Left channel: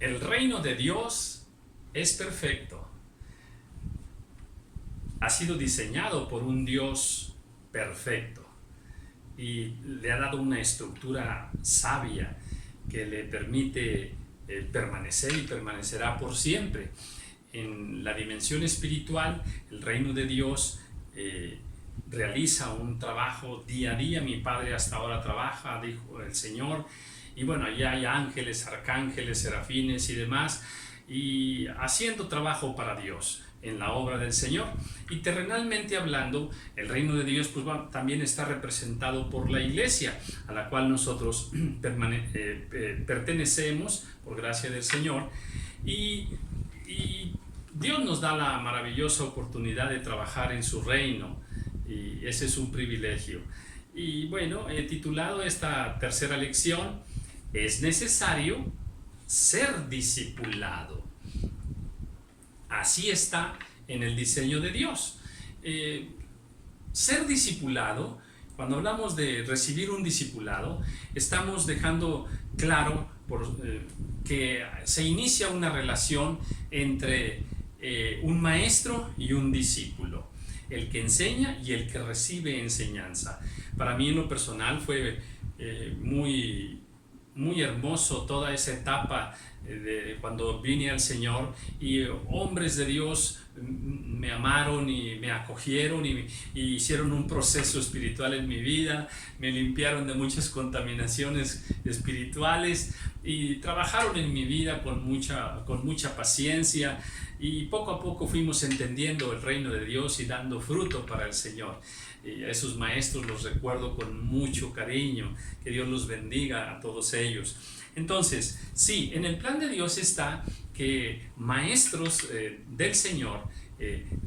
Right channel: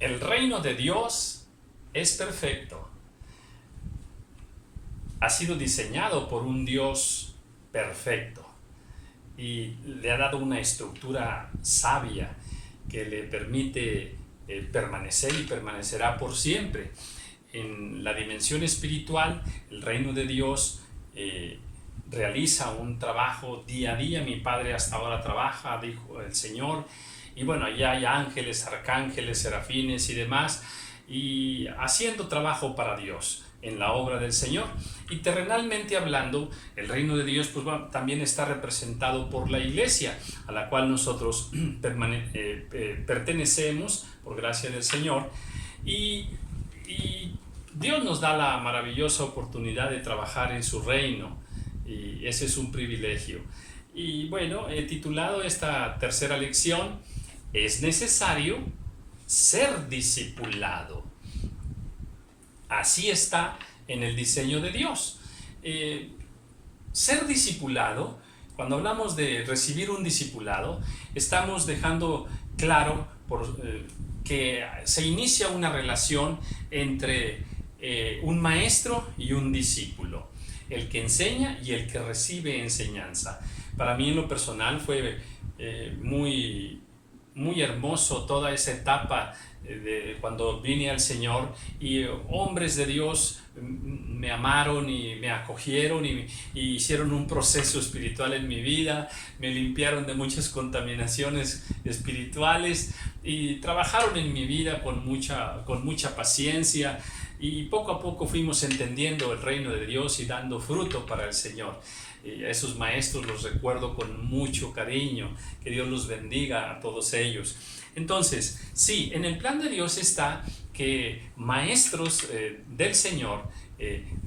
El reino de Dios es perfecto. Ha sido diseñado por un Dios perfecto y le ha dado una estructura sabia que le permite permanecer y permanecerá por siempre. En la dimensión espiritual, el reino de Dios realiza un trabajo día a día. Mi Padre hasta ahora trabaja, dijo el Señor, y bueno, allá hay ángeles, arcángeles, serafines y demás, y haciendo trabajo para Dios en la obra del Señor. Y terrenalmente hablando, el reino de Dios pues, también está representado por la iglesia, a la cual nosotros pertenecemos por gracia del Señor, y Dios nos da la maravillosa oportunidad de trabajar en su reino, y ese es un privilegio. Y bueno, he titulado esta tercera lección: es necesario ser discipulado. Así está en el diseño de Dios. Ser discipulado, cuando hablamos de recibir un discipulado, estamos dejando claro que se inicia una relación entre un maestro y un discípulo, el que enseña y el que recibe enseñanza. Para mí en lo personal fue muy hermoso toda esa etapa de cuando vine al Señor, y hombres de Dios me amaron y me acogieron y hicieron un proceso espiritual en mi vida, me limpiaron de muchas contaminaciones espirituales y trabajaron en mi vida con mucha paciencia, y poco a poco fuimos entendiendo el reino de Dios y dando fruto para el Señor. Y a esos maestros los recuerdo con mucho cariño. Que Dios los bendiga a todos ellos. Entonces, sí, en el plan de Dios está que maestros del Señor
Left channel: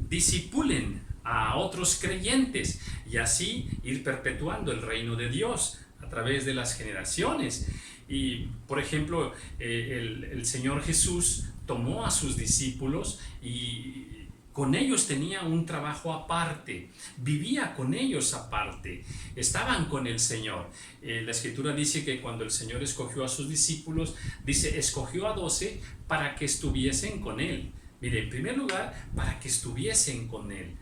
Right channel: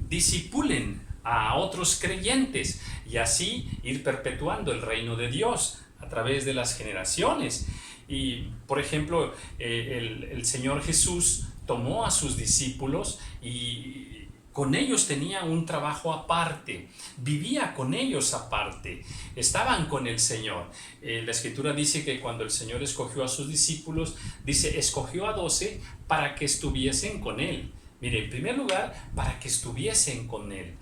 discipulen a otros creyentes y así ir perpetuando el reino de Dios a través de las generaciones. Y, por ejemplo, el Señor Jesús tomó a sus discípulos y con ellos tenía un trabajo aparte, vivía con ellos aparte, estaban con el Señor. La Escritura dice que cuando el Señor escogió a sus discípulos, dice, escogió a 12 para que estuviesen con Él. Mire, en primer lugar, para que estuviesen con Él.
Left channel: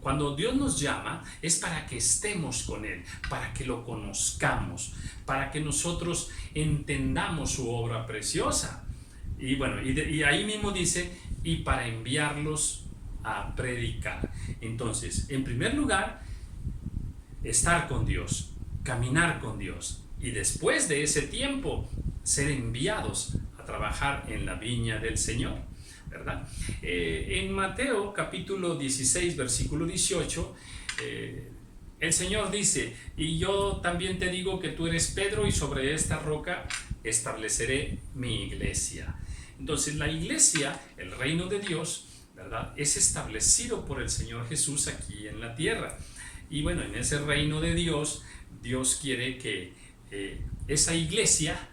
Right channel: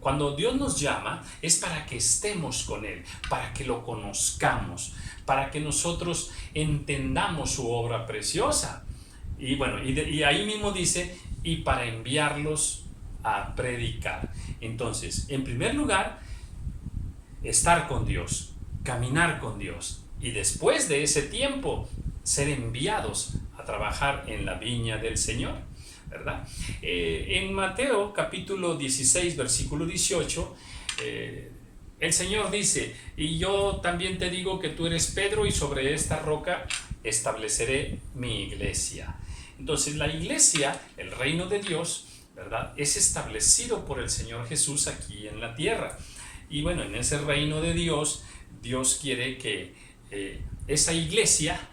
Cuando Dios nos llama es para que estemos con Él, para que lo conozcamos, para que nosotros entendamos su obra preciosa. Y bueno, y ahí mismo dice, y para enviarlos a predicar. Entonces, en primer lugar, estar con Dios, caminar con Dios, y después de ese tiempo, ser enviados a trabajar en la viña del Señor, ¿verdad? En Mateo capítulo 16, versículo 18, el Señor dice, y yo también te digo que tú eres Pedro, y sobre esta roca estableceré mi iglesia. Entonces, la iglesia, el reino de Dios, ¿verdad?, es establecido por el Señor Jesús aquí en la tierra. Y bueno, en ese reino de Dios, Dios quiere que esa iglesia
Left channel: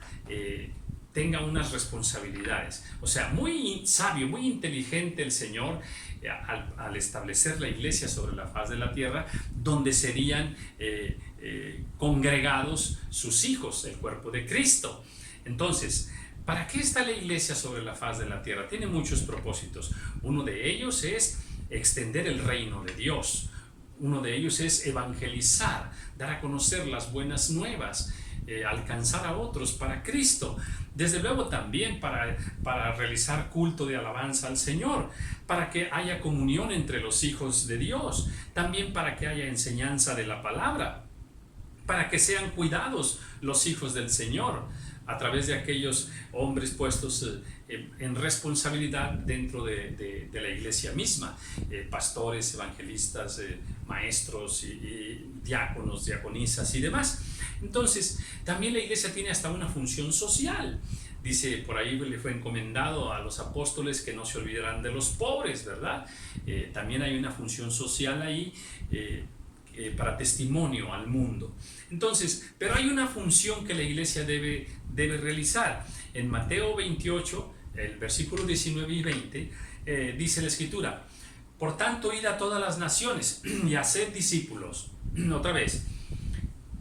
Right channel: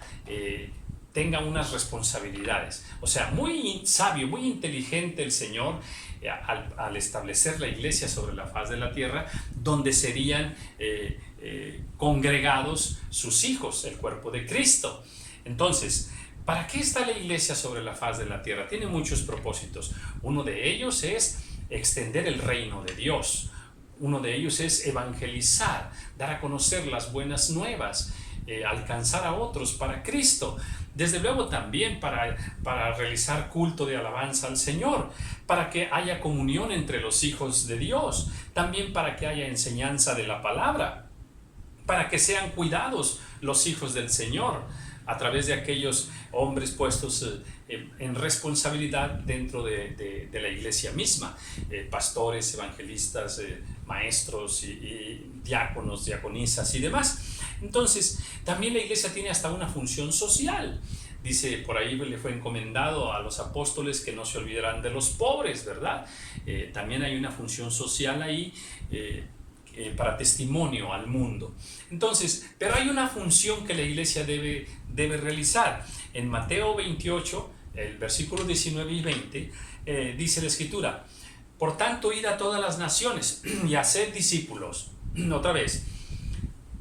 tenga unas responsabilidades. O sea, muy sabio, muy inteligente el Señor al establecer la iglesia sobre la faz de la tierra, donde serían congregados sus hijos, el cuerpo de Cristo. Entonces, ¿para qué está la iglesia sobre la faz de la tierra? Tiene muchos propósitos. Uno de ellos es extender el reino de Dios. Uno de ellos es evangelizar, dar a conocer las buenas nuevas, alcanzar a otros para Cristo. Desde luego también para realizar culto de alabanza al Señor, para que haya comunión entre los hijos de Dios, también para que haya enseñanza de la palabra, para que sean cuidados los hijos del Señor a través de aquellos hombres puestos en responsabilidad dentro de la iglesia misma, pastores, evangelistas, maestros y diáconos, diaconisas y demás. Entonces, también la iglesia tiene hasta una función social. Dice, por ahí le fue encomendado a los apóstoles que no se olvidaran de los pobres, ¿verdad? También hay una función social ahí, para testimonio al mundo. Entonces, pero hay una función que la iglesia debe realizar. En Mateo 28, el versículo 19 y 20, dice la Escritura, por tanto, id a todas las naciones y haced discípulos. Otra vez,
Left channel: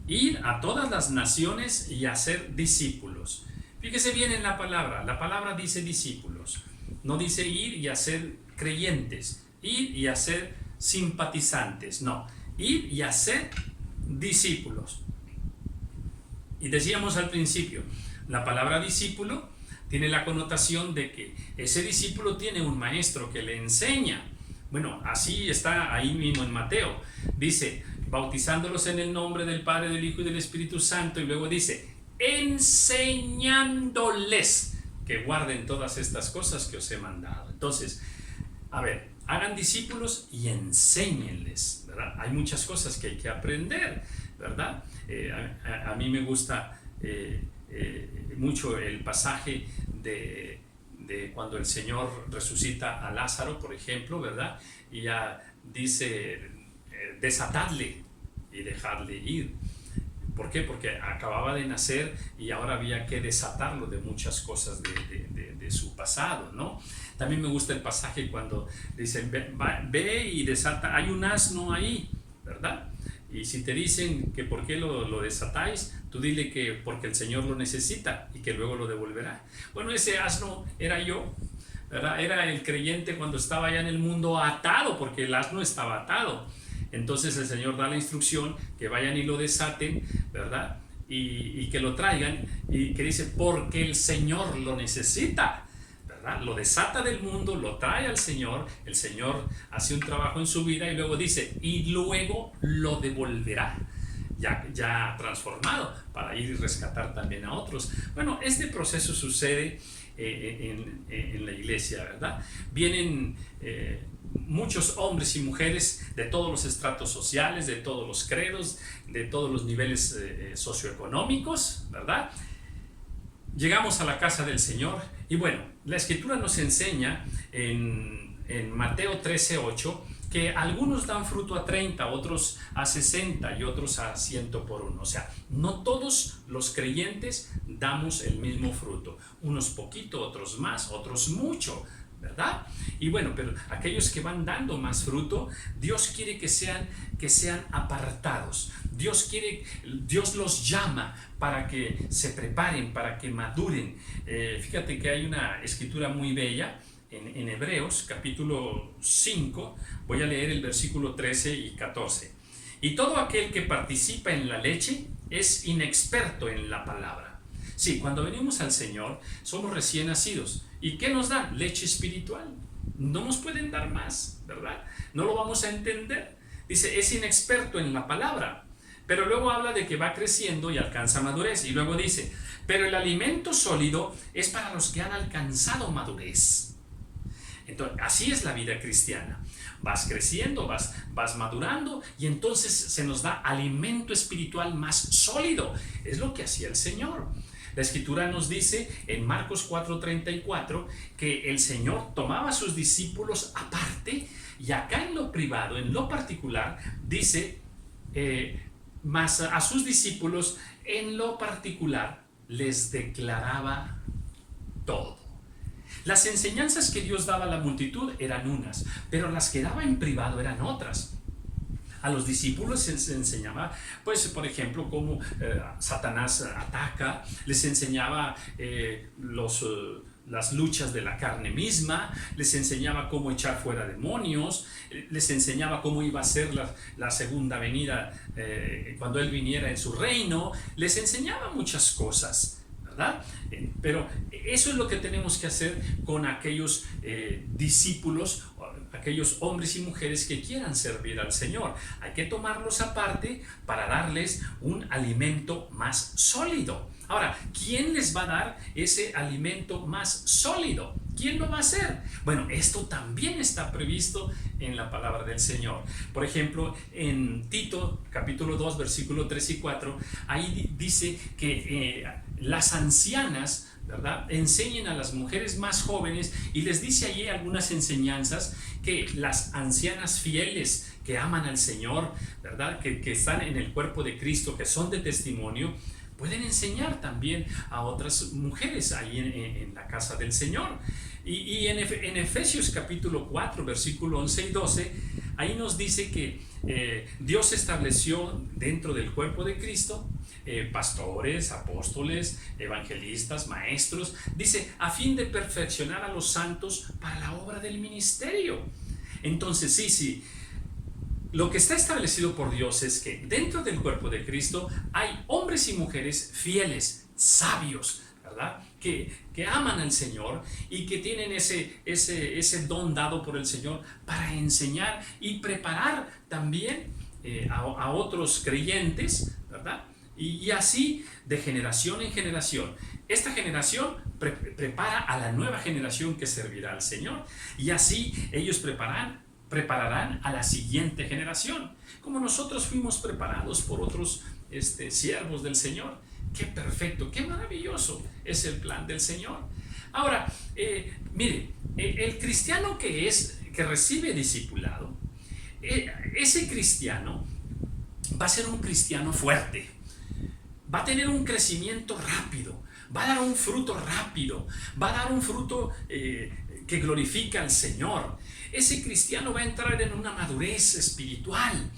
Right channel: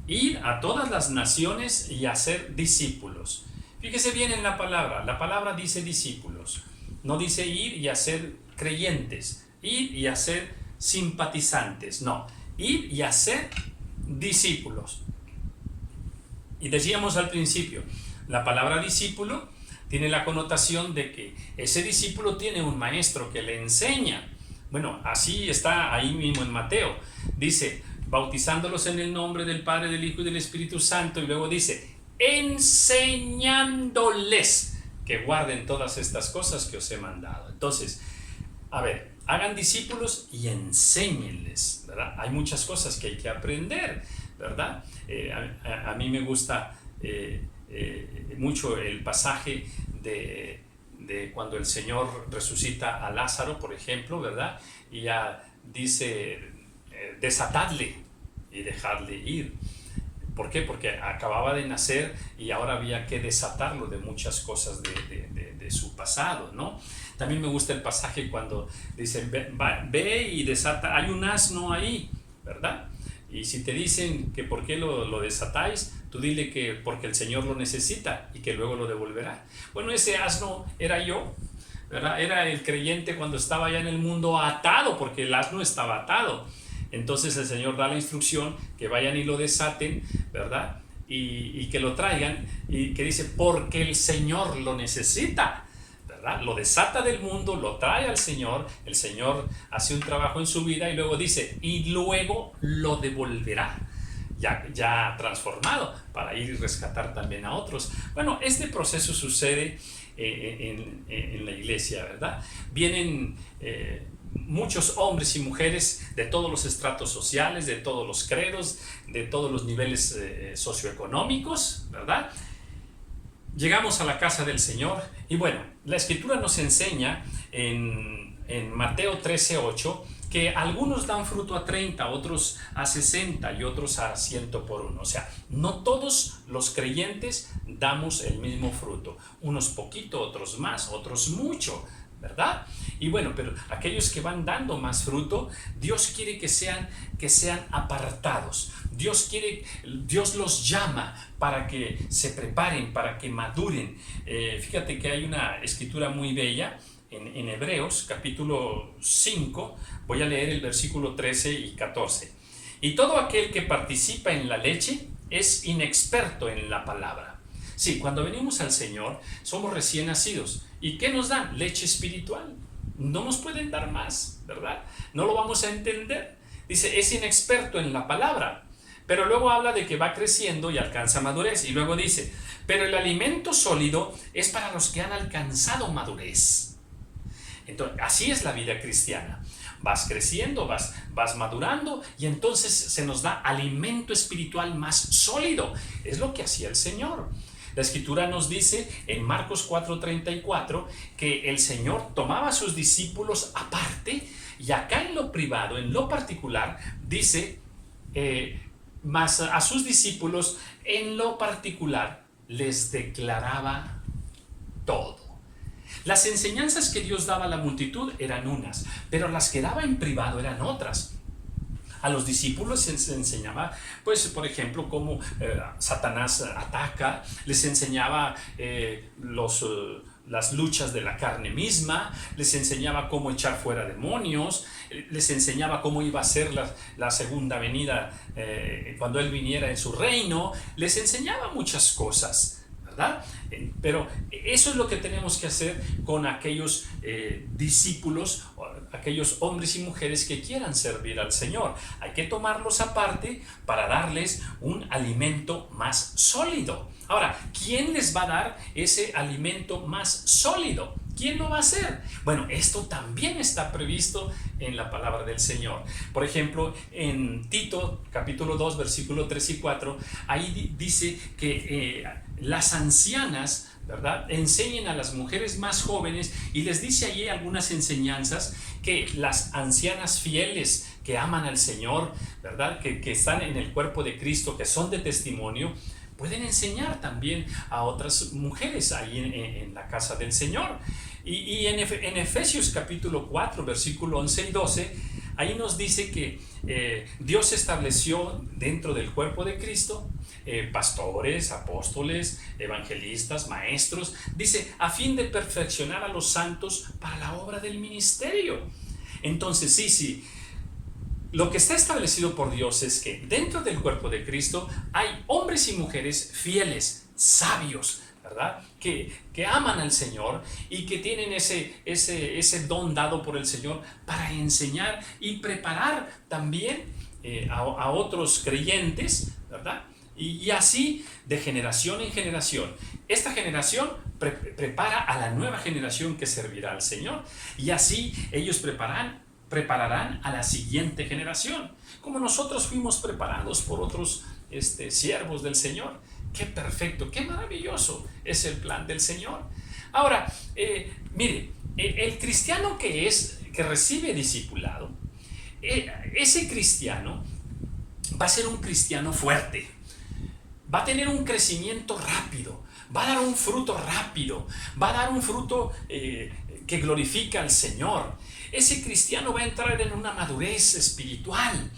id a todas las naciones y haced discípulos. Fíjese bien en la palabra dice discípulos, no dice ir y hacer creyentes, ir y hacer simpatizantes, no, ir y hacer discípulos. Y decíamos al principio, la palabra discípulo tiene la connotación de que ese discípulo tiene un maestro que le enseña. Bueno, así está ahí mismo en Mateo. Dice, bautizándolos en el nombre del Padre, del Hijo y del Espíritu Santo. Y luego dice, enseñándoles que guarden todas estas cosas que os he mandado. Entonces, a ver, hagan discípulos y enséñenles, ¿verdad? Hay muchas cosas que hay que aprender, ¿verdad? A mí me gusta mucho el pasaje de cuando el Señor resucita a Lázaro, por ejemplo, ¿verdad? Y ya dice, desatadle y dejadle ir. ¿Por qué? Porque acababa de nacer y ahora había que desatarlo de muchas cosas de su pasado, ¿no? También me gusta el pasaje cuando dicen, ve y desata, hay un asno ahí, ¿verdad? Y si te dicen que por qué lo desatáis, tú dile que porque el Señor lo necesita y que luego lo devolverá. Bueno, ese asno era yo, ¿verdad? Era el creyente cuando estaba ya en el mundo atado, porque el asno estaba atado. Entonces el Señor da la instrucción que vayan y lo desaten, ¿verdad? Y que lo traigan, y que dice, porque el Señor lo necesita, ¿verdad? Lo desata del mundo, lo trae al Señor, el Señor hace un trabajo en su vida y luego dice, y luego lo devolverá, ya transformado, para ir y rescatar también a otros. Bueno, este proceso sucede en la iglesia, ¿verdad? Vienen muchos hombres y mujeres de todos los estratos sociales, de todos los credos, de todos los niveles socioeconómicos, ¿verdad? Llegamos a la casa del Señor y bueno, la Escritura nos enseña en Mateo 13:8 que algunos dan fruto a 30, otros a 60 y otros a 100 por uno. O sea, no todos los creyentes damos el mismo fruto. Unos poquito, otros más, otros mucho, ¿verdad? Y bueno, pero aquellos que van dando más fruto, Dios quiere que sean apartados. Dios los llama para que se preparen, para que maduren. Fíjate que hay una escritura muy bella en Hebreos, capítulo 5, voy a leer el versículo 13 y 14. Y todo aquel que participa en la leche es inexperto en la palabra. Sí, cuando venimos al Señor, somos recién nacidos. ¿Y qué nos dan? Leche espiritual. No nos pueden dar más, ¿verdad? No lo vamos a entender. Dice, es inexperto en la palabra. Pero luego habla de que va creciendo y alcanza madurez. Y luego dice, pero el alimento sólido es para los que han alcanzado madurez. Entonces, así es la vida cristiana. Vas creciendo, vas madurando y entonces se nos da alimento espiritual más sólido. Es lo que hacía el Señor. La Escritura nos dice en Marcos 4:34 que el Señor tomaba a sus discípulos aparte y acá en lo privado, en lo particular, dice, mas a sus discípulos en lo particular les declaraba todo. Las enseñanzas que Dios daba a la multitud eran unas, pero las que daba en privado eran otras. A los discípulos se les enseñaba, pues, por ejemplo, cómo Satanás ataca, les enseñaba las luchas de la carne misma, les enseñaba cómo echar fuera demonios, les enseñaba cómo iba a ser la segunda venida cuando Él viniera en su reino, les enseñaba muchas cosas, ¿verdad? Pero eso es lo que tenemos que hacer con aquellos discípulos, aquellos hombres y mujeres que quieran servir al Señor. Hay que tomarlos aparte para darles un alimento más sólido. Ahora, ¿quién les va a dar ese alimento más sólido? ¿Quién lo va a hacer? Bueno, esto también está previsto en la palabra del Señor. Por ejemplo, en Tito, capítulo 2, versículo 3 y 4, ahí dice que las ancianas, ¿verdad?, enseñen a las mujeres más jóvenes y les dice allí algunas enseñanzas que las ancianas fieles que aman al Señor, ¿verdad?, que están en el cuerpo de Cristo, que son de testimonio, pueden enseñar también a otras mujeres ahí en la casa del Señor. Y en Efesios capítulo 4, versículo 11 y 12, ahí nos dice que Dios estableció dentro del cuerpo de Cristo pastores, apóstoles, evangelistas, maestros, dice, a fin de perfeccionar a los santos para la obra del ministerio. Entonces, sí, lo que está establecido por Dios es que dentro del cuerpo de Cristo hay hombres y mujeres fieles, sabios, ¿verdad? Que aman al Señor y que tienen ese don dado por el Señor para enseñar y preparar también a otros creyentes, ¿verdad? Y así de generación en generación. Esta generación prepara a la nueva generación que servirá al Señor. Y así ellos prepararán a la siguiente generación, como nosotros fuimos preparados por otros siervos del Señor. Qué perfecto, qué maravilloso es el plan del Señor. Ahora, mire, el cristiano que recibe discipulado, ese cristiano va a ser un cristiano fuerte, va a tener un crecimiento rápido, va a dar un fruto rápido, va a dar un fruto que glorifica al Señor. Ese cristiano va a entrar en una madurez espiritual.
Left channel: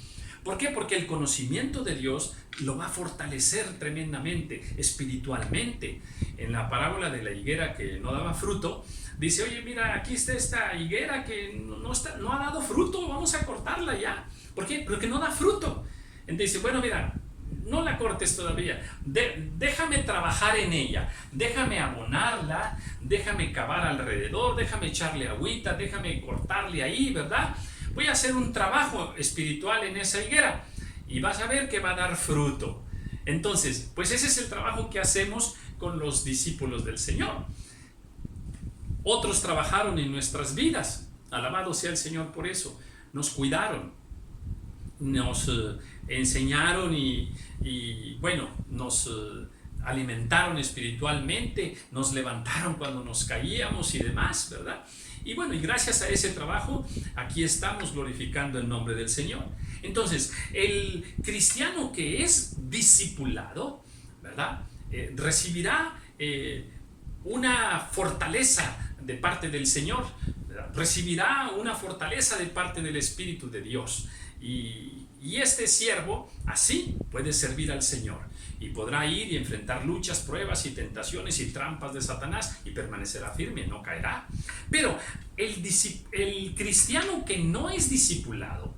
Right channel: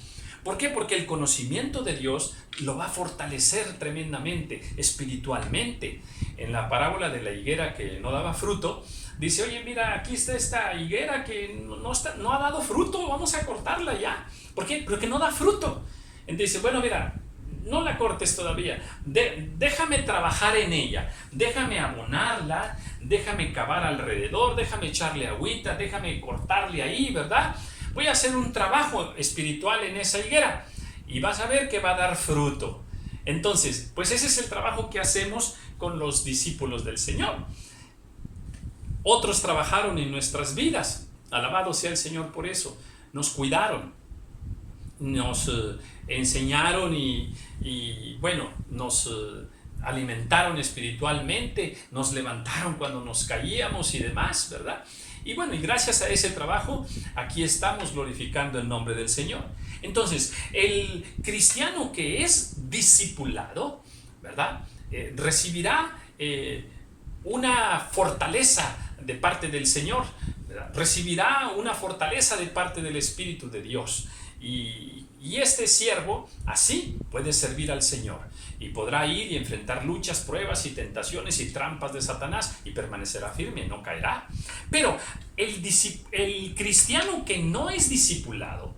¿Por qué? Porque el conocimiento de Dios lo va a fortalecer tremendamente, espiritualmente. En la parábola de la higuera que no daba fruto, dice, oye, mira, aquí está esta higuera que no ha dado fruto, vamos a cortarla ya. ¿Por qué? Porque no da fruto. Entonces dice, bueno, mira, no la cortes todavía, déjame trabajar en ella, déjame abonarla, déjame cavar alrededor, déjame echarle agüita, déjame cortarle ahí, ¿verdad? Voy a hacer un trabajo espiritual en esa higuera y vas a ver que va a dar fruto. Entonces, pues ese es el trabajo que hacemos con los discípulos del Señor. Otros trabajaron en nuestras vidas, alabado sea el Señor por eso, nos cuidaron, nos enseñaron y bueno, nos alimentaron espiritualmente, nos levantaron cuando nos caíamos y demás, ¿verdad? Y bueno, y gracias a ese trabajo, aquí estamos glorificando el nombre del Señor. Entonces, el cristiano que es discipulado, ¿verdad? Recibirá una fortaleza de parte del Señor, ¿verdad? Recibirá una fortaleza de parte del Espíritu de Dios. Y este siervo así puede servir al Señor y podrá ir y enfrentar luchas, pruebas y tentaciones y trampas de Satanás y permanecerá firme, no caerá. Pero el cristiano que no es discipulado,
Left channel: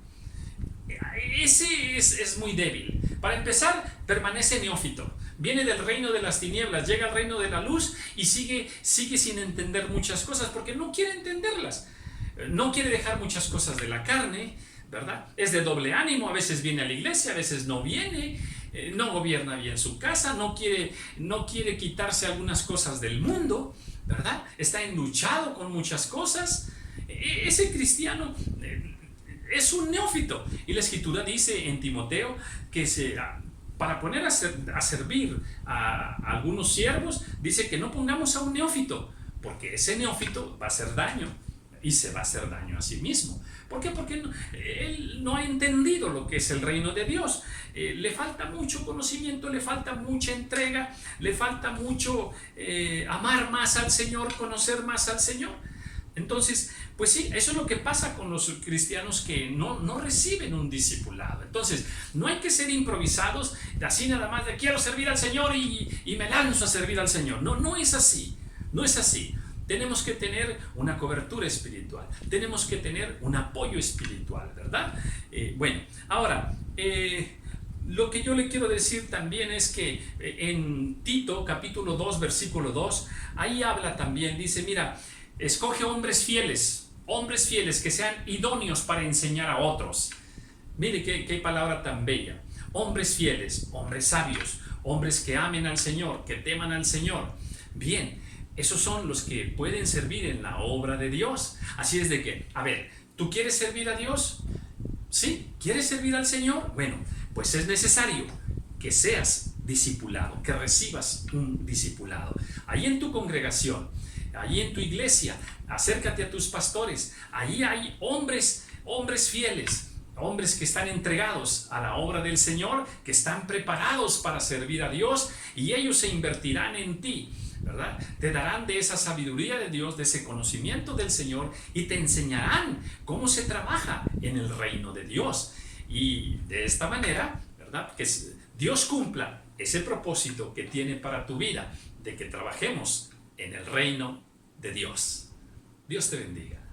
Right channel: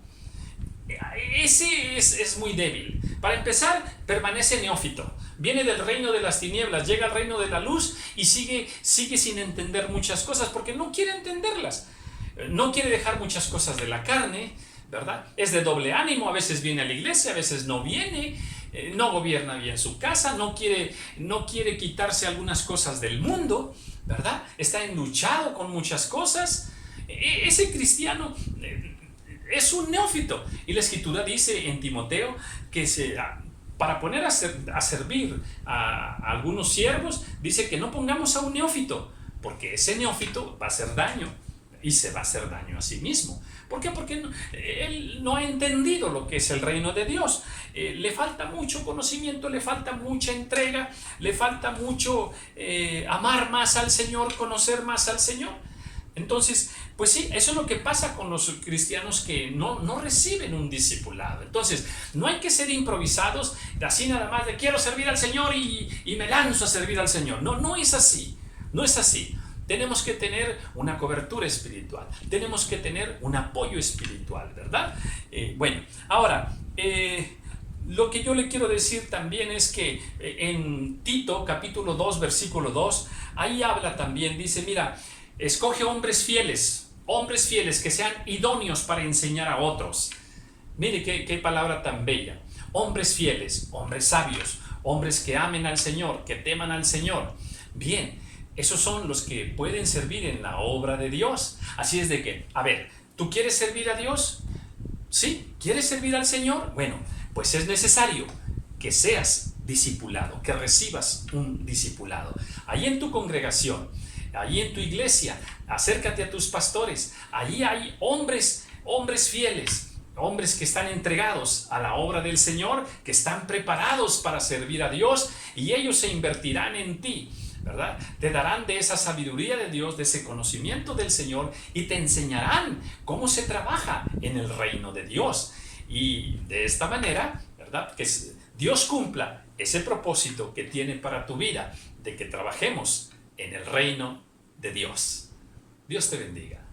ese es muy débil. Para empezar, permanece neófito. Viene del reino de las tinieblas, llega al reino de la luz y sigue sin entender muchas cosas porque no quiere entenderlas. No quiere dejar muchas cosas de la carne, ¿verdad? Es de doble ánimo, a veces viene a la iglesia, a veces no viene, no gobierna bien su casa, no quiere quitarse algunas cosas del mundo, ¿verdad? Está enluchado con muchas cosas. Ese cristiano es un neófito. Y la Escritura dice en Timoteo que para poner a servir a algunos siervos, dice que no pongamos a un neófito, porque ese neófito va a hacer daño. Y se va a hacer daño a sí mismo. ¿Por qué? Porque él no ha entendido lo que es el reino de Dios. Le falta mucho conocimiento, le falta mucha entrega, le falta mucho amar más al Señor, conocer más al Señor. Entonces, pues sí, eso es lo que pasa con los cristianos que no reciben un discipulado. Entonces, no hay que ser improvisados, así nada más de quiero servir al Señor y me lanzo a servir al Señor. No es así, no es así. Tenemos que tener una cobertura espiritual, tenemos que tener un apoyo espiritual, ¿verdad? Bueno, ahora, lo que yo le quiero decir también es que en Tito capítulo 2 versículo 2, ahí habla también, dice, mira, escoge hombres fieles que sean idóneos para enseñar a otros. Mire qué palabra tan bella. Hombres fieles, hombres sabios, hombres que amen al Señor, que teman al Señor. Bien, esos son los que pueden servir en la obra de Dios. Así es de que, a ver, ¿tú quieres servir a Dios? ¿Sí? ¿Quieres servir al Señor? Bueno, pues es necesario que seas discipulado, que recibas un discipulado. Ahí en tu congregación, allí en tu iglesia, acércate a tus pastores. Allí hay hombres fieles, hombres que están entregados a la obra del Señor, que están preparados para servir a Dios y ellos se invertirán en ti. ¿verdad? Te darán de esa sabiduría de Dios, de ese conocimiento del Señor, y te enseñarán cómo se trabaja en el reino de Dios. Y de esta manera, ¿verdad? Que Dios cumpla ese propósito que tiene para tu vida, de que trabajemos en el reino de Dios. Dios te bendiga.